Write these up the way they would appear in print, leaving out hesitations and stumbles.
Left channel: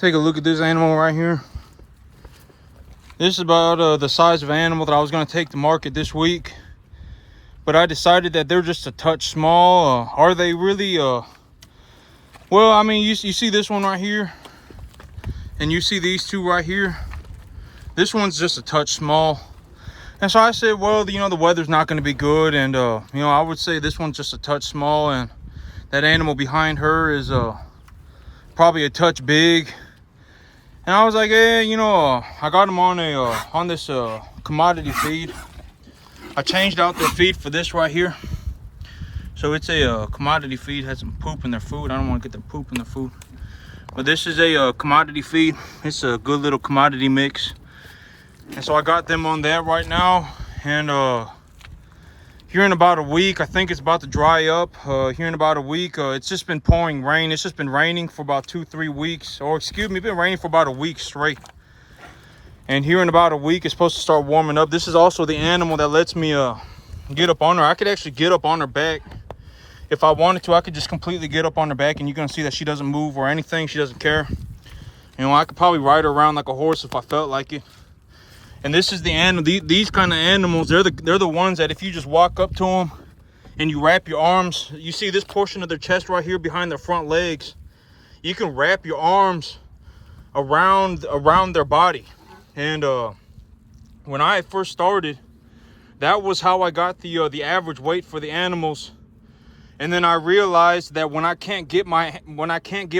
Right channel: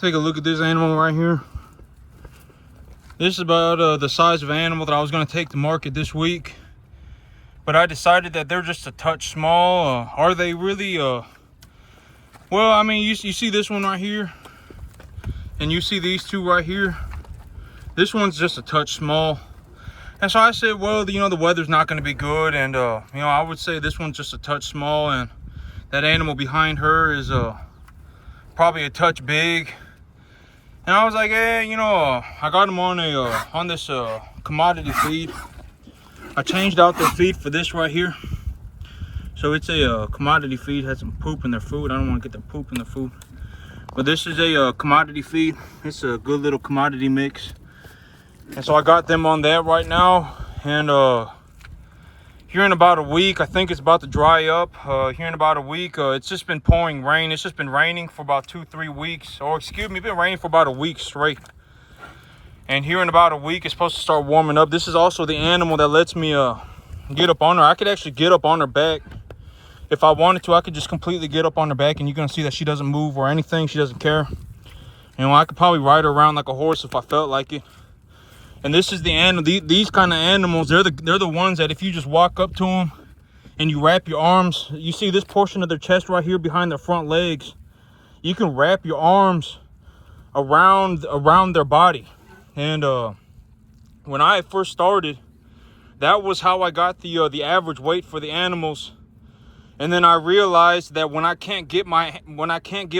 Take a look at this animal right here. This is about the size of animal that I was going to take to market this week, but I decided that they're just a touch small. Are they really? Well, I mean, you see this one right here, and you see these two right here. This one's just a touch small, and so I said, well, the weather's not going to be good, and I would say this one's just a touch small, and that animal behind her is probably a touch big. And I was like, hey, I got them on this commodity feed. I changed out the feed for this right here. So it's a commodity feed, has some poop in their food. I don't want to get the poop in the food. But this is a commodity feed. It's a good little commodity mix. And so I got them on that right now. And here in about a week, I think it's about to dry up. Here in about a week, it's just been pouring rain. It's just been raining for about 2-3 weeks, or excuse me, it's been raining for about a week straight. And here in about a week, it's supposed to start warming up. This is also the animal that lets me get up on her. I could actually get up on her back. If I wanted to, I could just completely get up on her back, and you're gonna see that she doesn't move or anything. She doesn't care. I could probably ride her around like a horse if I felt like it. And this is the animal. These kind of animals, they're the ones that if you just walk up to them and you wrap your arms, you see this portion of their chest right here behind their front legs. You can wrap your arms around their body. And when I first started, that was how I got the average weight for the animals. And then I realized that when I can't get my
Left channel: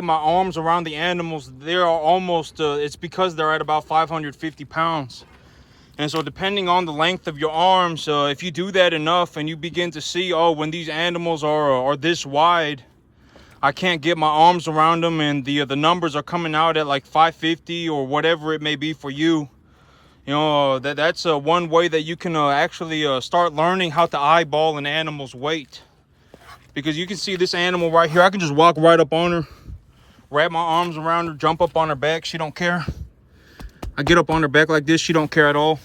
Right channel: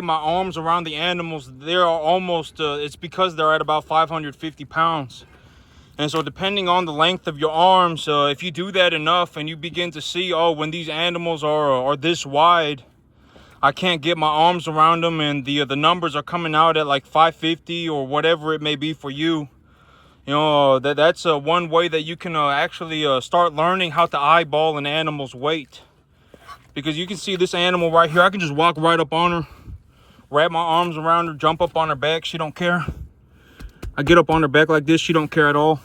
arms around the animals, they're almost it's because they're at about 550 pounds. And so depending on the length of your arms, if you do that enough and you begin to see, oh, when these animals are this wide, I can't get my arms around them, and the numbers are coming out at like 550 or whatever it may be for you. That's one way that you can actually start learning how to eyeball an animal's weight. Because you can see this animal right here. I can just walk right up on her, wrap my arms around her, jump up on her back. She don't care. I get up on her back like this. She don't care at all.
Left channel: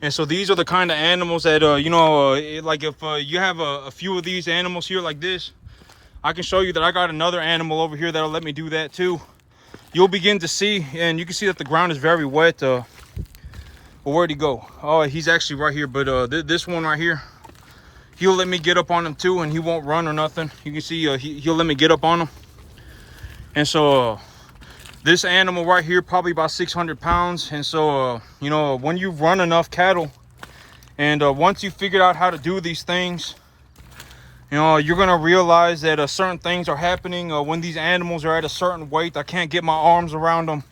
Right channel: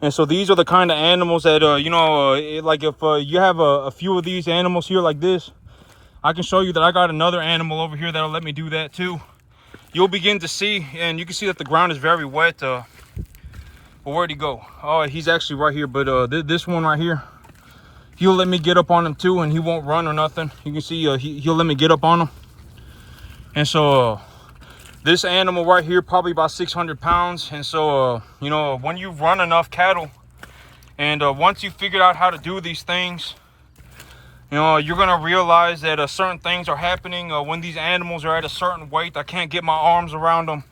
And so these are the kind of animals that, like if you have a few of these animals here like this, I can show you that I got another animal over here that'll let me do that too. You'll begin to see, and you can see that the ground is very wet. Well, where'd he go? Oh, he's actually right here. But this one right here, he'll let me get up on him too, and he won't run or nothing. You can see he'll let me get up on him. And so this animal right here, probably about 600 pounds. And so, when you run enough cattle, and once you figured out how to do these things, you're going to realize that certain things are happening when these animals are at a certain weight. I can't get my arms around them.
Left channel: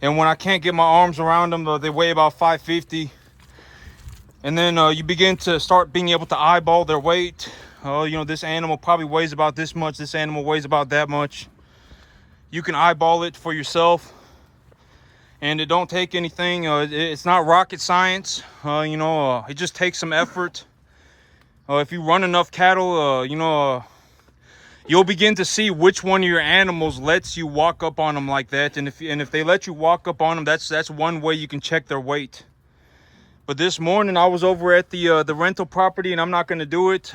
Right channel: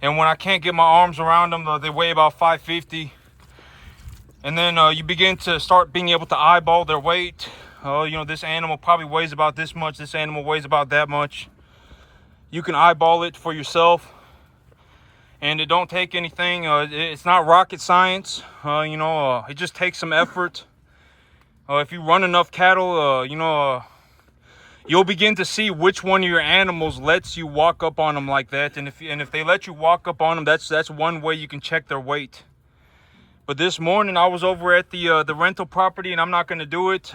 And when I can't get my arms around them, they weigh about 550. And then you begin to start being able to eyeball their weight. This animal probably weighs about this much. This animal weighs about that much. You can eyeball it for yourself, and it don't take anything. It's not rocket science. It just takes some effort. If you run enough cattle, you'll begin to see which one of your animals lets you walk up on them like that. And if they let you walk up on them, that's one way you can check their weight. But this morning I was over at the rental property, and I'm not going to do it.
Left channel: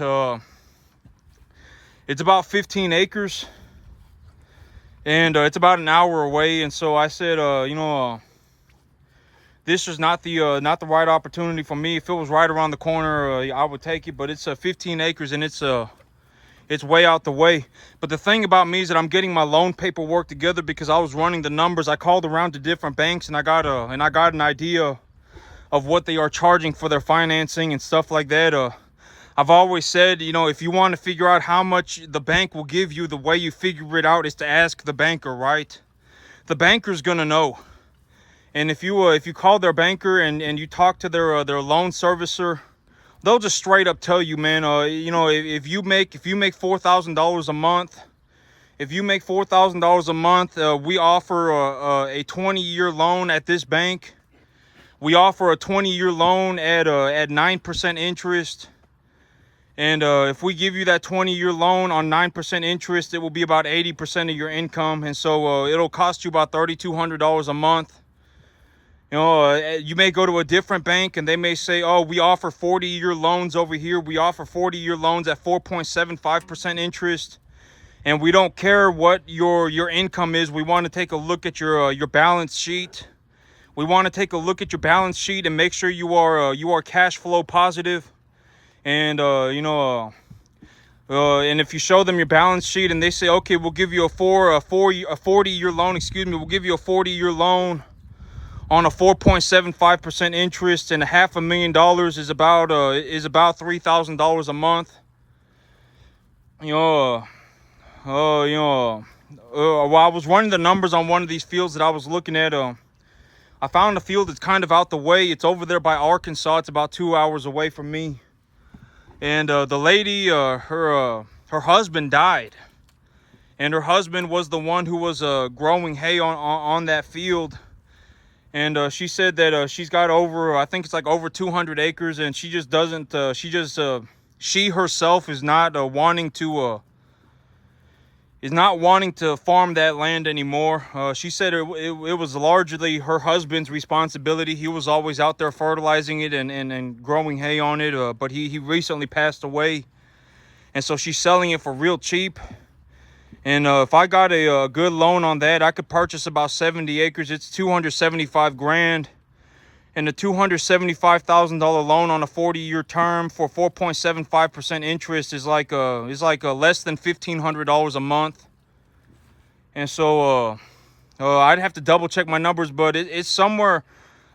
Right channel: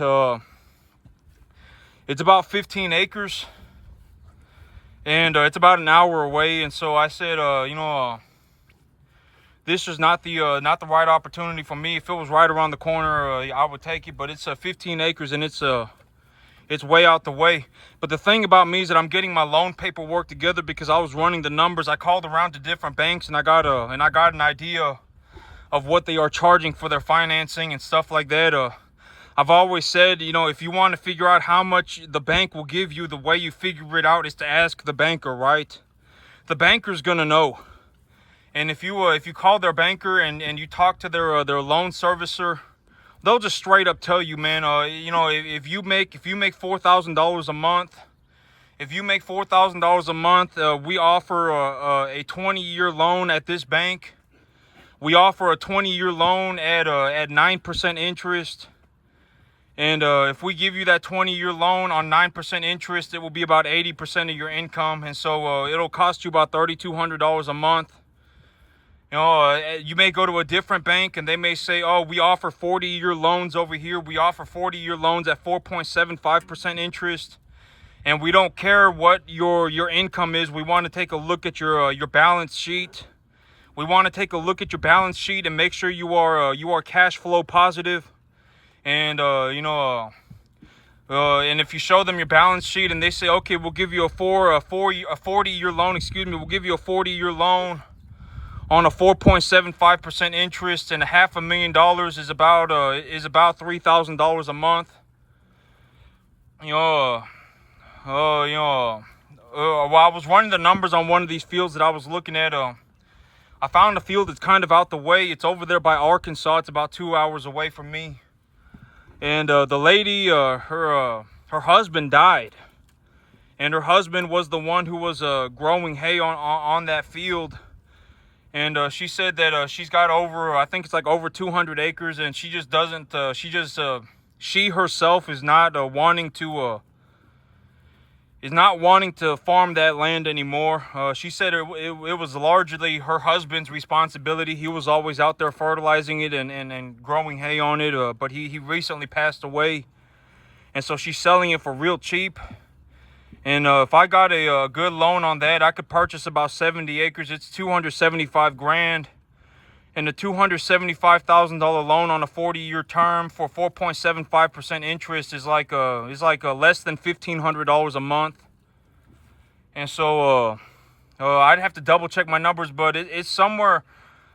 It's about 15 acres. And it's about an hour away, and so I said, this is not the right opportunity for me. If it was right around the corner, I would take it. But it's 15 acres, and it's way out the way. But the thing about me is that I'm getting my loan paperwork together because I was running the numbers. I called around to different banks, and I got an idea of what they are charging for their financing and stuff like that. I've always said, if you want to figure out how much the bank will give you, the way you figure it out is to ask the banker, right? The banker's gonna know. And if you call their banker and you talk to their loan servicer, they'll just straight up tell you, man, if you make $4,000 a month, we offer a 20-year loan at this bank. We offer a 20-year loan at 9% interest. And if we give you that 20-year loan on 9% interest, it will be about 80% of your income. And so it'll cost you about $3,200 a month. You may go to a different bank and they may say, oh, we offer 40-year loans over here. We offer 40-year loans at 4.75% interest. and we don't care what your income is. We want to take a look at your balance sheet. We want to take a look at your balance sheet and make sure you are cash flow positive. And and if you show them your balance sheet and they say, okay, we'll give you a 40-year loan, we'll give you a 40-year loan on a 4.75% interest, and $500,000 is about $3,000 a month. Well, I was running the numbers on one of these fields that I was looking at. I found a field that's kind of out the way. It's over there by Arkansas. It's about 2 hours away from me. And the lady, her husband died, and her husband was the one who was growing hay on that field. And she said that she's got over, I think it's like over 200 acres, and she just doesn't. She herself is not wanting to farm that land anymore. She said it was largely her husband's responsibility. He was always out there fertilizing it and growing hay on it, but he recently passed away. And so she's selling it for real cheap. And if I got a good loan on that, I could purchase about 70 acres. It's $275,000. And a $275,000 loan on a 40-year term for 4.75% interest is like less than $1,500 a month. And so I'd have to double check my numbers, but it's somewhere.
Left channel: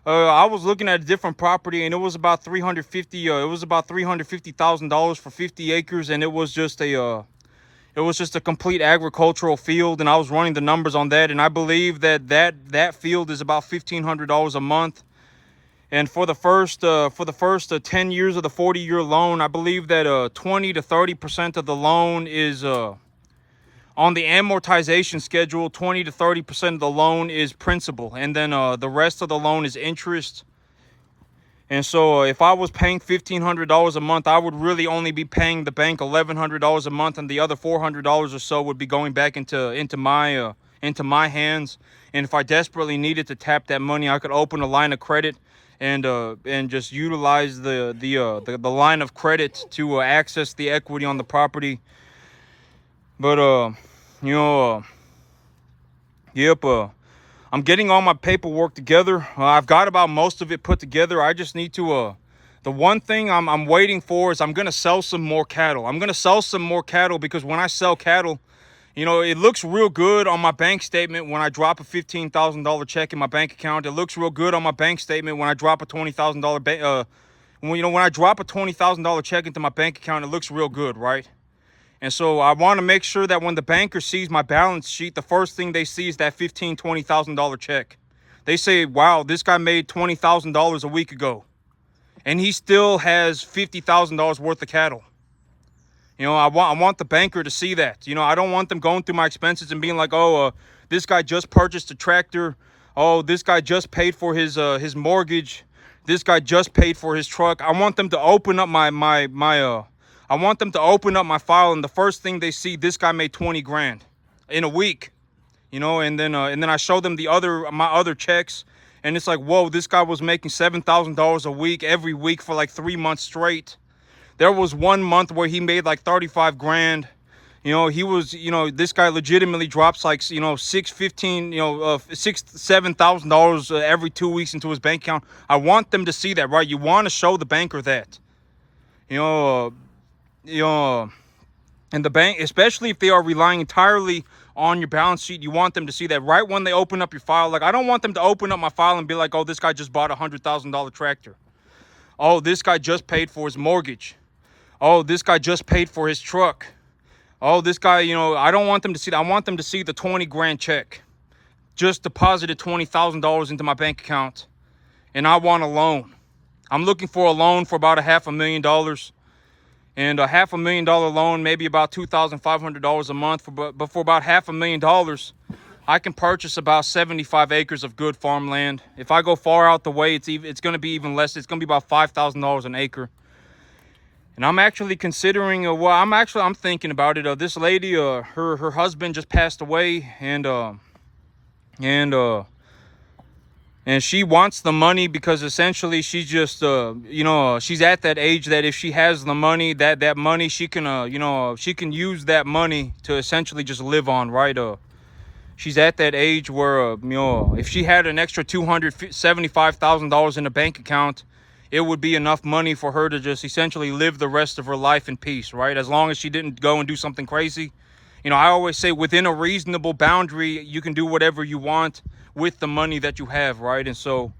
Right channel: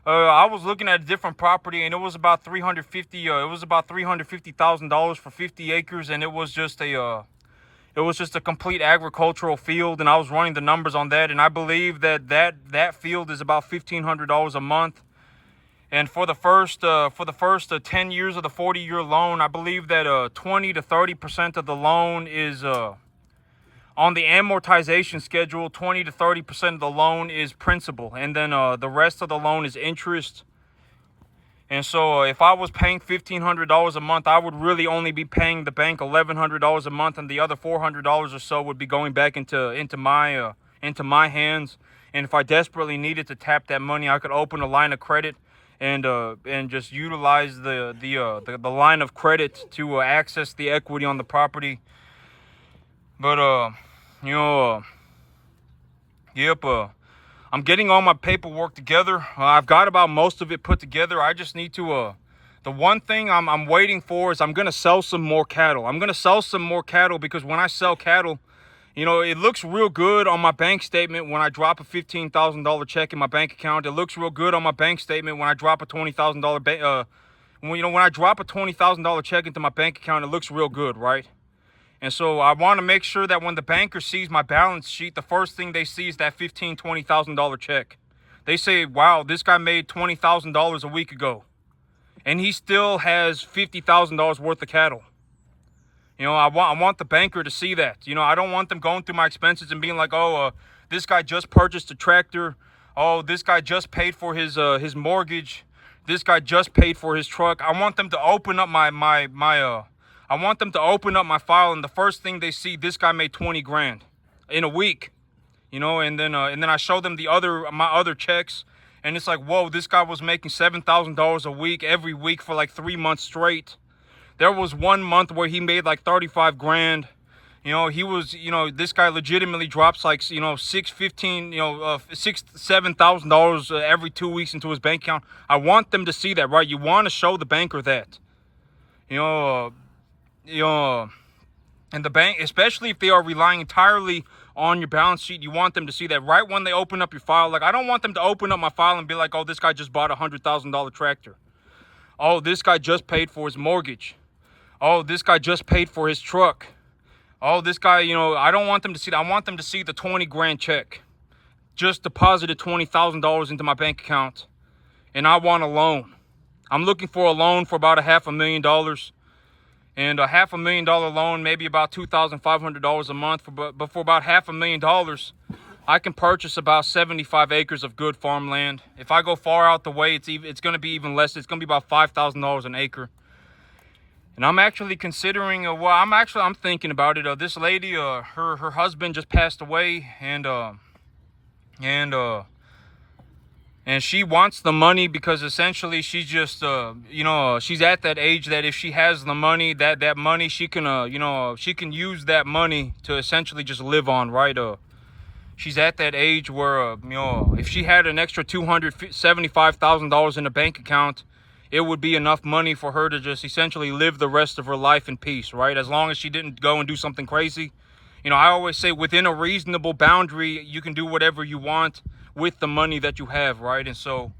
I was looking at a different property, and it was about $350,000 for 50 acres, and it was just a complete agricultural field. And I was running the numbers on that, and I believe that field is about $1,500 a month. And for the first 10 years of the 40-year loan, I believe that 20 to 30% of the loan is on the amortization schedule. 20 to 30% of the loan is principal, and then the rest of the loan is interest. And so if I was paying $1,500 a month, I would really only be paying the bank $1,100 a month, and the other $400 or so would be going back into my hands. And if I desperately needed to tap that money, I could open a line of credit and just utilize the line of credit to access the equity on the property. But I'm getting all my paperwork together. I've got about most of it put together. I just need to the one thing I'm waiting for is I'm gonna sell some more cattle. I'm gonna sell some more cattle because when I sell cattle, it looks real good on my bank statement when I drop a $15,000 check in my bank account. It looks real good on my bank statement when I drop a $20,000 when I drop a $20,000 check into my bank account. It looks real good, right? And so I want to make sure that when the banker sees my balance sheet, the first thing they see is that $15,000, $20,000 check. They say, wow, this guy made $20,000 a week ago, and he still has $50,000 worth of cattle. I want the banker to see that. I don't want them going through my expenses and being like, oh, this guy just purchased a tractor. Oh, this guy just paid for his mortgage. This guy just paid for his truck. I want them to open up my I want them to open up my file, and the first thing they see, this guy made 20 grand in a week. And then I show them my other checks, and it's like, whoa, this guy was making $7,000 a week every week for like 3 months straight. There was 1 month where he made like 35 grand. This guy legitimately drops like, $7,000 every 2 weeks into his bank account. I want them to see that, right? You want to show the banker that, and the bank, especially if they are relying entirely on your balance sheet, you want them to see that right when they open up your file. Like, I don't want them to open up my file and be like, oh, this guy just bought a $100,000 tractor. Oh, this guy just paid for his mortgage. Oh, this guy just paid for his truck. Oh, this guy, I don't want them to see that. I want them to see the 20 grand check. Just deposited $20,000 into my bank account, and I want a loan. I'm looking for a loan for about $500,000. And a $500,000 loan, maybe about $2,500 a month. But for about $500,000, I can purchase about 75 acres of good farmland. If I go far out the way, it's going to be even less. It's going to be about $5,000 an acre. And I'm actually considering, I'm thinking about it. This lady, her husband just passed away, and And she wants the money because essentially she's just, you know, she's at that age that if she has the money, that money, she can, you know, she can use that money to essentially just live on, right? She's at that age where, you know, if she had an extra $275,000 in the bank account, it would be enough money for her to just essentially live the rest of her life in peace, right? As long as she didn't go and do something crazy. You know, I always say within a reasonable boundary, you can do whatever you want with the money that you have, right? And so,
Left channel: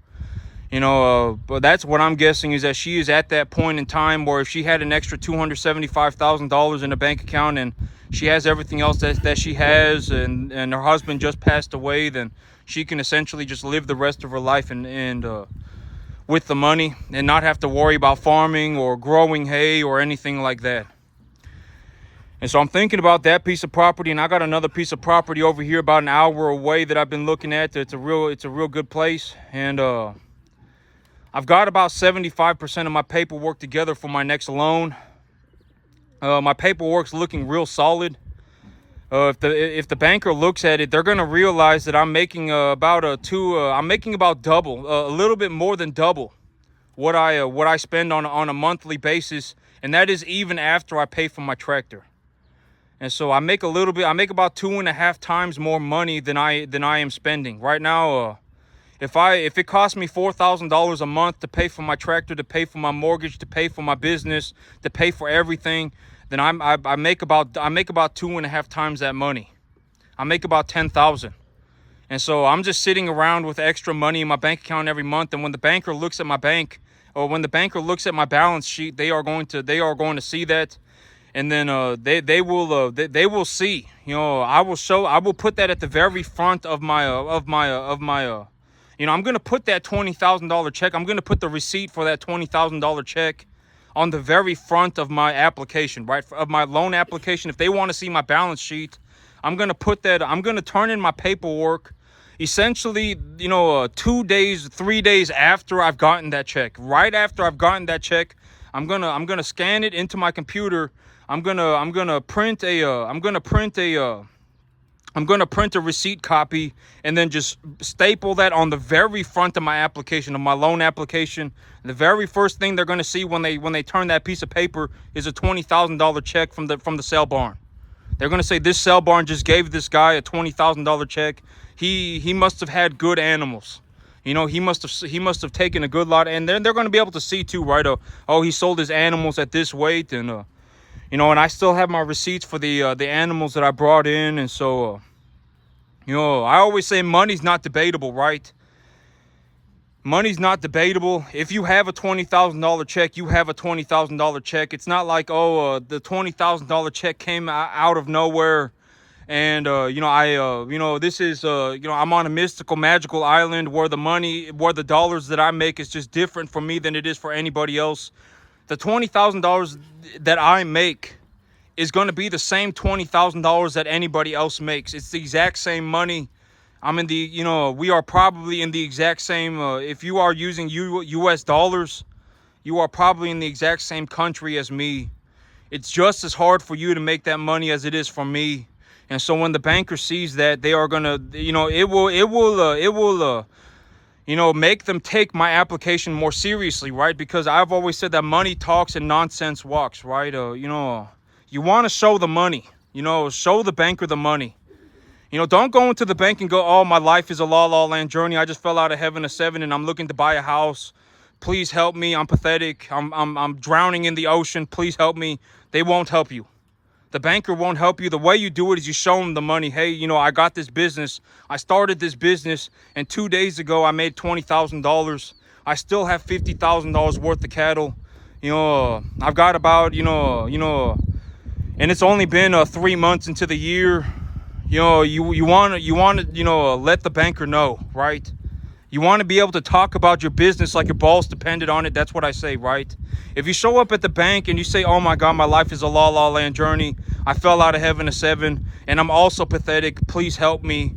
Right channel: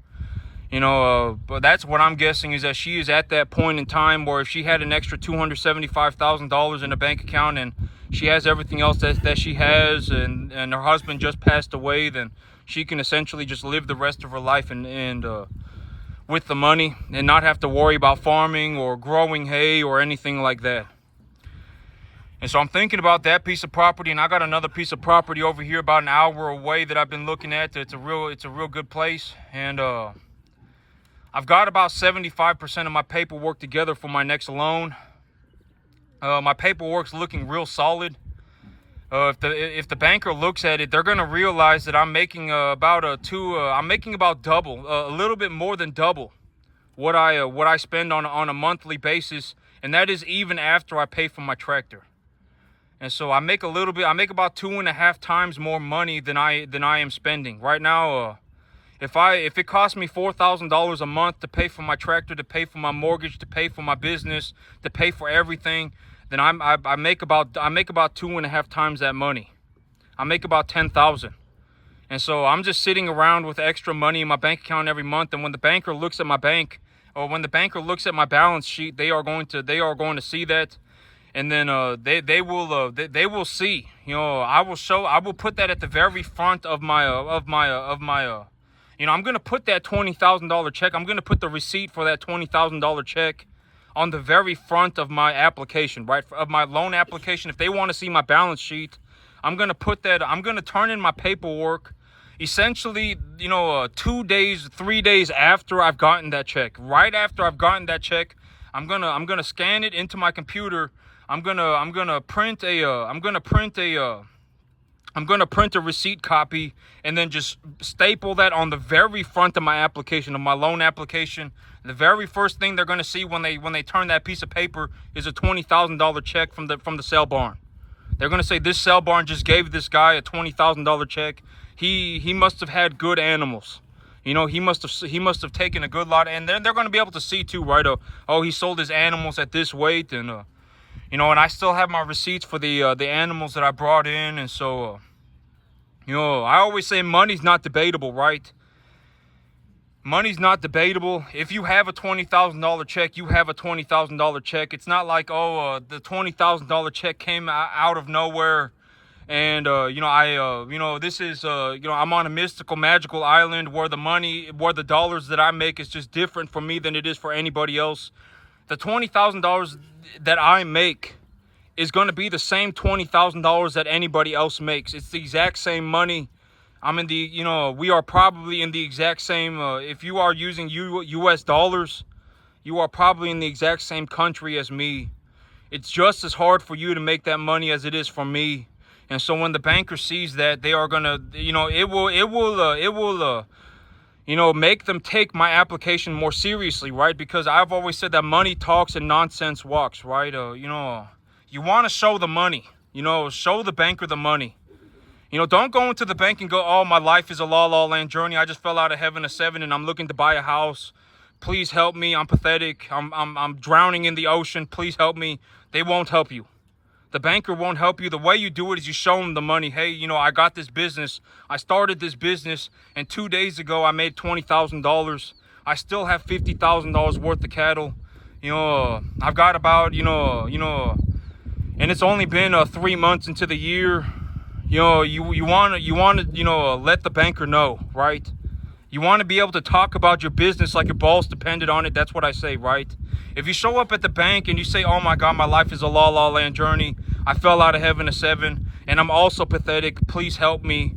you know, but that's what I'm guessing is that she is at that point in time where if she had an extra $275,000 in the bank account and she has everything else that she has, and her husband just passed away, then she can essentially just live the rest of her life and with the money and not have to worry about farming or growing hay or anything like that. And so I'm thinking about that piece of property, and I got another piece of property over here about an hour away that I've been looking at. It's a real good place, and I've got about 75% of my paperwork together for my next loan. My paperwork's looking real solid. If the banker looks at it, they're gonna realize that I'm making about double, a little bit more than double what I spend on a monthly basis, and that is even after I pay for my tractor. And so I make about 2.5 times more money than I am spending right now. If it costs me $4,000 a month to pay for my tractor, to pay for my mortgage, to pay for my business, to pay for everything, then I make about 2.5 times that money. I make about $10,000. And so I'm just sitting around with extra money in my bank account every month. And when the banker looks at my bank, or when the banker looks at my balance sheet, they are going to see that. And then they will see, you know, I will put that at the very front of my you know, I'm going to put that $20,000 check. I'm going to put the receipt for that $20,000 check on the very front of my application, right? Of my loan application. If they want to see my balance sheet, I'm going to turn in my paperwork essentially, you know, 3 days after I've gotten that check. Right after I've gotten that check, I'm going to scan it into my computer. I'm going to print a receipt copy and then just staple that on the very front of my application, of my loan application. The very first thing they're going to see when they turn that piece of paper is a $20,000 check from the sale barn. They're going to say, this sale barn just gave this guy a $20,000 check. He must have had good animals. You know, he must have taken a good lot. And then they're going to be able to see too, right? Oh, he sold his animals at this weight, and you know, and I still have my receipts for the animals that I brought in. And so, you know, I always say money's not debatable, right? Money's not debatable. If you have a $20,000 check, you have a $20,000 check. It's not like, the $20,000 check came out of nowhere. And, you know, this is, you know, I'm on a mystical, magical island where the dollars that I make is just different for me than it is for anybody else. The $20,000 that I make is going to be the same $20,000 that anybody else makes. It's the exact same money. You know, we are probably in the exact same, if you are using US dollars, you are probably in the exact same country as me. It's just as hard for you to make that money as it is for me. And so when the banker sees that, they are going to, you know, it will, you know, make them take my application more seriously, right? Because I've always said that money talks and nonsense walks, right? You know, you want to show the money, you know, show the banker the money. You know, don't go into the bank and go, oh, my life is a la land journey. I just fell out of heaven at 7 and I'm looking to buy a house. Please help me. I'm pathetic. I'm drowning in the ocean. Please help me. They won't help you. The banker won't help you. The way you do it is you show them the money. Hey, you know, I got this business. I started this business, and 2 days ago I made $20,000. I still have $50,000 worth of cattle. You know, I've got about, you know, and it's only been 3 months into the year. You know, you want to, you know, let the banker know, right? You want to be able to talk about your business like your balls depended on it. That's what I say, right? If you show up at the bank and you say, oh my God, my life is a la land journey. I fell out of heaven at 7 and I'm also pathetic. Please help me.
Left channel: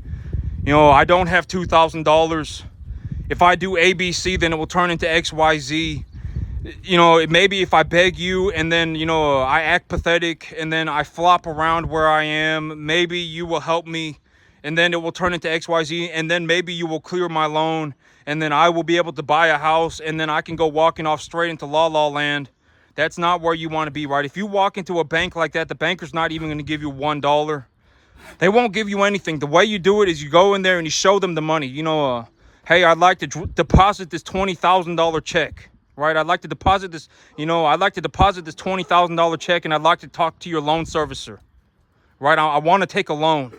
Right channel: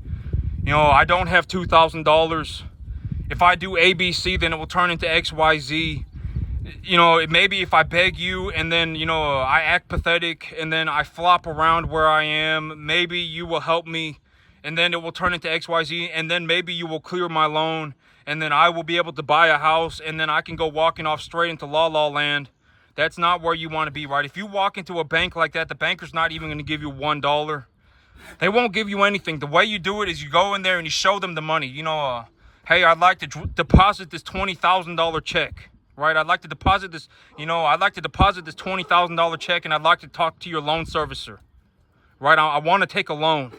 You know, I don't have $2,000. If I do ABC, then it will turn into XYZ. You know, maybe if I beg you and then, you know, I act pathetic and then I flop around where I am, maybe you will help me. and then it will turn into XYZ, and then maybe you will clear my loan, and then I will be able to buy a house, and then I can go walking off straight into La La Land. That's not where you want to be, right? If you walk into a bank like that, the banker's not even going to give you $1. They won't give you anything. The way you do it is you go in there and you show them the money. You know, hey, I'd like to deposit this $20,000 check, right? I'd like to deposit this, I'd like to deposit this $20,000 check, and I'd like to talk to your loan servicer, right? I want to take a loan.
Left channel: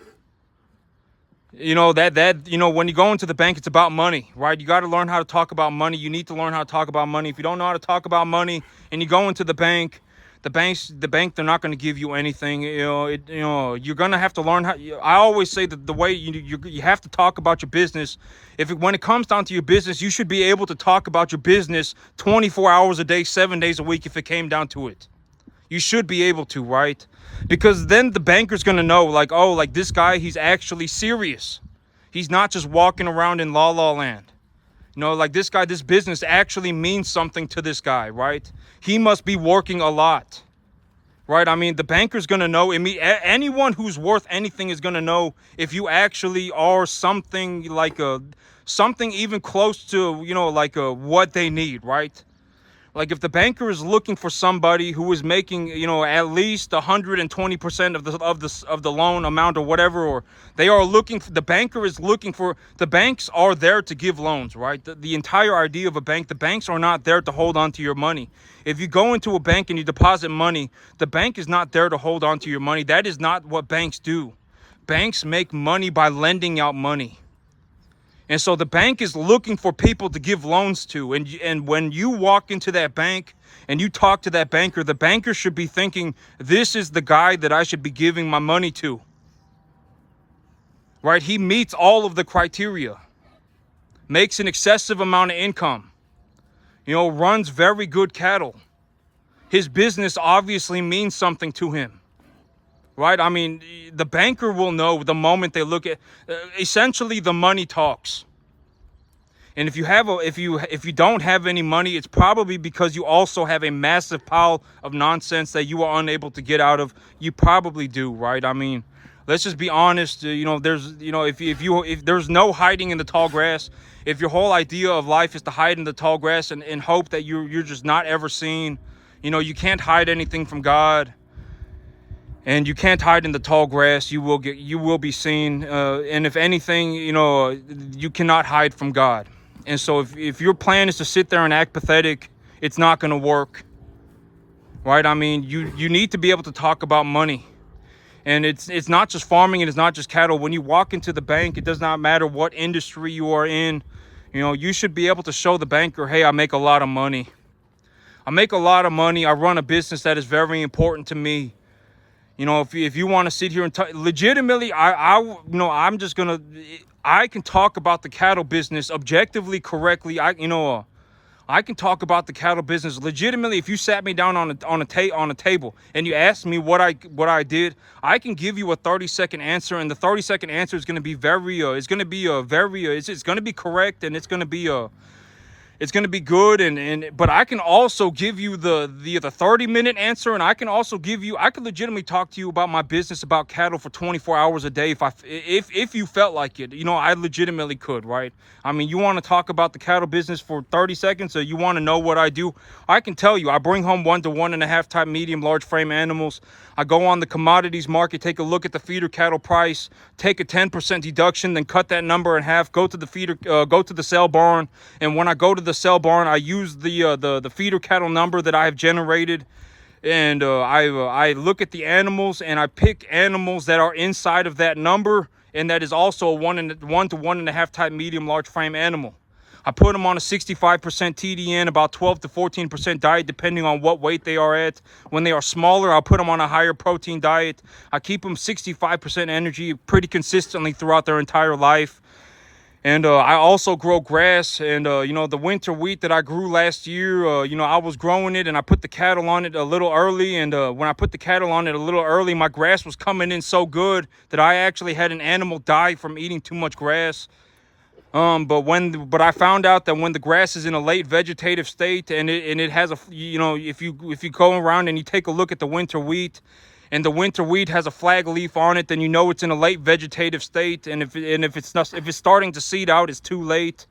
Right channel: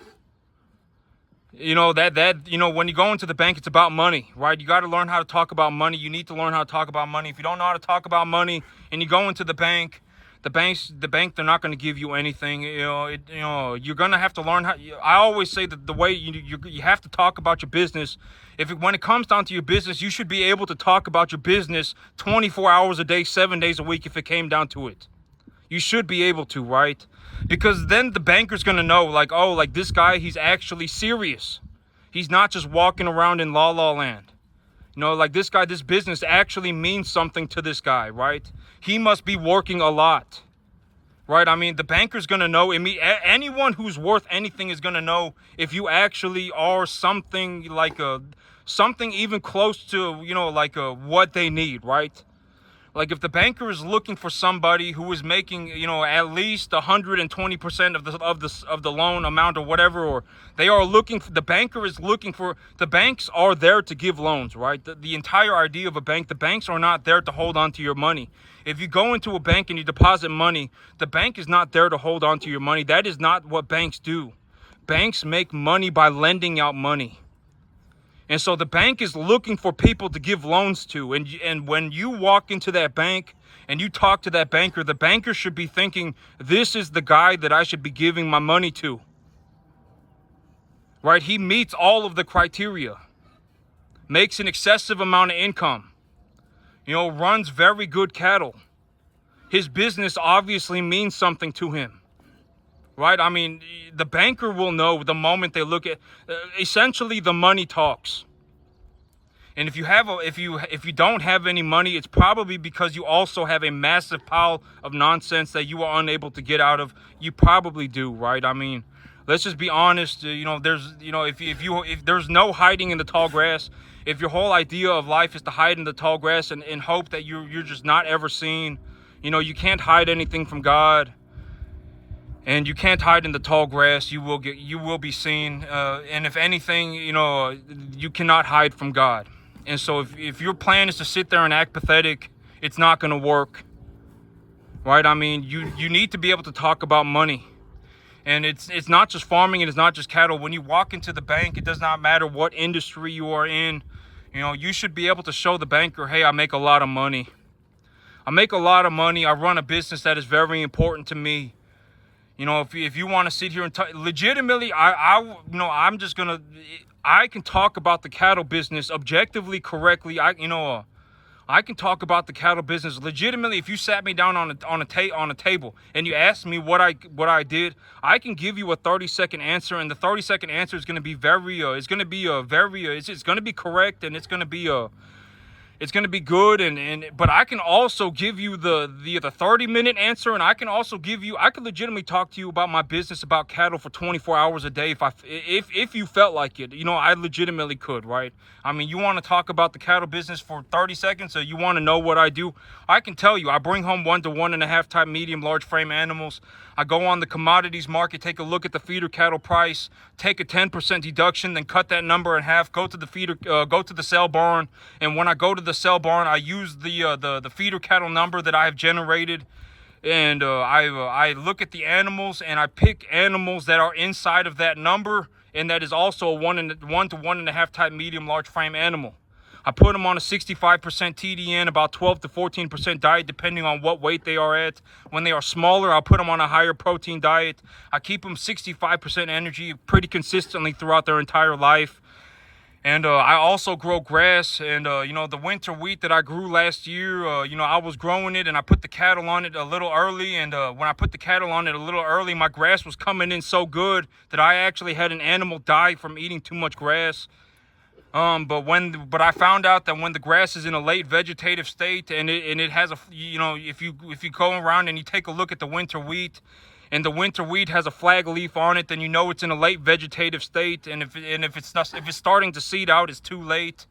When you go into the bank, it's about money, right? You got to learn how to talk about money. You need to learn how to talk about money. If you don't know how to talk about money and you go into the bank, the bank, they're not going to give you anything. You're going to have to learn how. I always say that the way you have to talk about your business. When it comes down to your business, you should be able to talk about your business 24 hours a day, 7 days a week. If it came down to it, you should be able to, right? Because then the banker's going to know, like, oh, like this guy, he's actually serious. He's not just walking around in La La Land. Like this guy, this business actually means something to this guy, right? He must be working a lot, right? I mean, the banker's going to know. Anyone who's worth anything is going to know if you actually are something like something even close to, what they need, right? Like if the banker is looking for somebody who is making, at least 120% of the loan amount or whatever, or they are looking for, the banker is looking for, the banks are there to give loans, right? The entire idea of a bank, the banks are not there to hold on to your money. If you go into a bank and you deposit money, the bank is not there to hold on to your money. That is not what banks do. Banks make money by lending out money. And so the bank is looking for people to give loans to. And when you walk into that bank and you talk to that banker, the banker should be thinking, this is the guy that I should be giving my money to. Right? He meets all of the criteria. Makes an excessive amount of income. Runs very good cattle. His business obviously means something to him. Right? I mean, the banker will know the moment they look at, essentially the money talks. And if you don't have any money, it's probably because you also have a massive pile of nonsense that you are unable to get out of. You probably do, right? I mean, let's just be honest. If there's no hiding in the tall grass, if your whole idea of life is to hide in the tall grass and hope that you're just not ever seen, you can't hide anything from God. And you can't hide in the tall grass. You will be seen. And if anything, you cannot hide from God. And so if your plan is to sit there and act pathetic, it's not going to work. Right? I mean, you need to be able to talk about money. And it's not just farming and it's not just cattle. When you walk into the bank, it does not matter what industry you are in. You should be able to show the banker, hey, I make a lot of money. I make a lot of money. I run a business that is very important to me. If you want to sit here and legitimately, I'm just gonna, I can talk about the cattle business objectively, correctly. I can talk about the cattle business legitimately. If you sat me down on a table and you asked me what I did, I can give you a 30-second answer, and the 30-second answer is going to be it's going to be correct, and it's going to be good, but I can also give you the 30-minute answer, and I can legitimately talk to you about my business, about cattle for 24 hours a day if you felt like it. I legitimately could, right? I mean, you want to talk about the cattle business for 30 seconds, or you want to know what I do? I can tell you. I bring home 1 to 1.5 type medium large frame animals. I go on the commodities market, take a look at the feeder cattle price, take a 10% deduction, then cut that number in half, go to the sale barn, and when I go to the sale barn, I use the feeder cattle number that I have generated, and I look at the animals and I pick animals that are inside of that number, and that is also a 1 to 1.5 type medium large frame animal. I put them on a 65% TDN, about 12 to 14% diet, depending on what weight they are at. When they are smaller, I'll put them on a higher protein diet. I keep them 65% energy pretty consistently throughout their entire life. And I also grow grass, and the winter wheat that I grew last year, I was growing it and I put the cattle on it a little early. And when I put the cattle on it a little early, my grass was coming in so good that I actually had an animal die from eating too much grass. But I found out that when the grass is in a late vegetative state and it has if you go around and you take a look at the winter wheat, and the winter wheat has a flag leaf on it, then you know it's in a late vegetative state. And if it's starting to seed out, it's too late.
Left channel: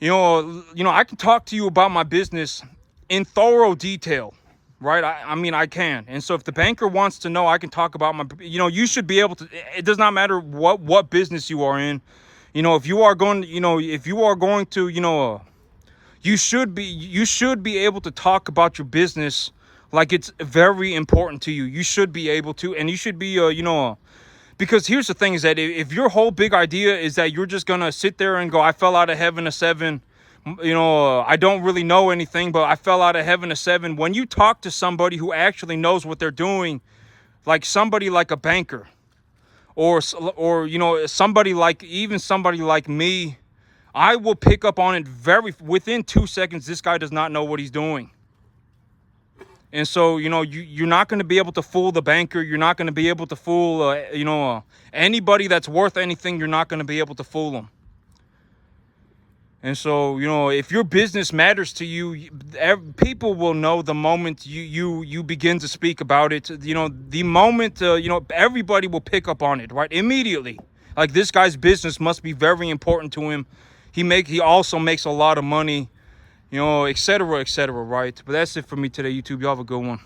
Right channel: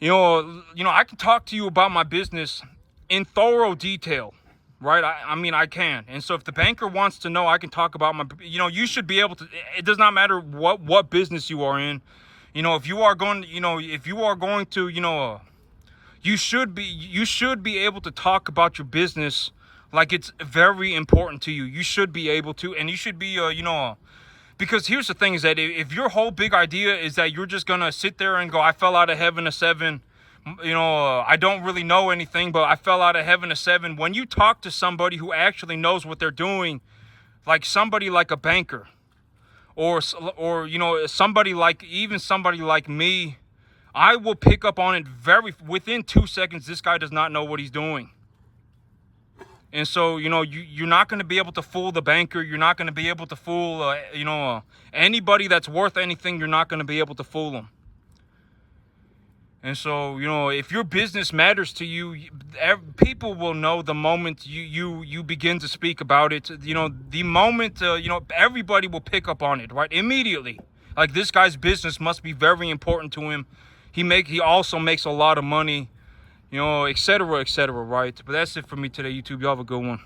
You know, I can talk to you about my business in thorough detail, right? I mean, I can. And so if the banker wants to know, I can talk about my, you know, you should be able to, it does not matter what business you are in. You know, if you are going, you know, if you are going to, you know, you should be able to talk about your business like it's very important to you. You should be able to, and you should be, you know, because here's the thing is that if your whole big idea is that you're just going to sit there and go, I fell out of heaven a 7, you know, I don't really know anything, but I fell out of heaven a 7. When you talk to somebody who actually knows what they're doing, like somebody like a banker, or you know, somebody like me, I will pick up on it within 2 seconds. This guy does not know what he's doing. And so, you know, you're not going to be able to fool the banker. You're not going to be able to fool, you know, anybody that's worth anything. You're not going to be able to fool them. And so, you know, if your business matters to you, people will know the moment you begin to speak about it. You know, the moment, you know, everybody will pick up on it, right? Immediately. Like, this guy's business must be very important to him. He also makes a lot of money, you know, etc., right? But that's it for me today, YouTube. Y'all have a good one.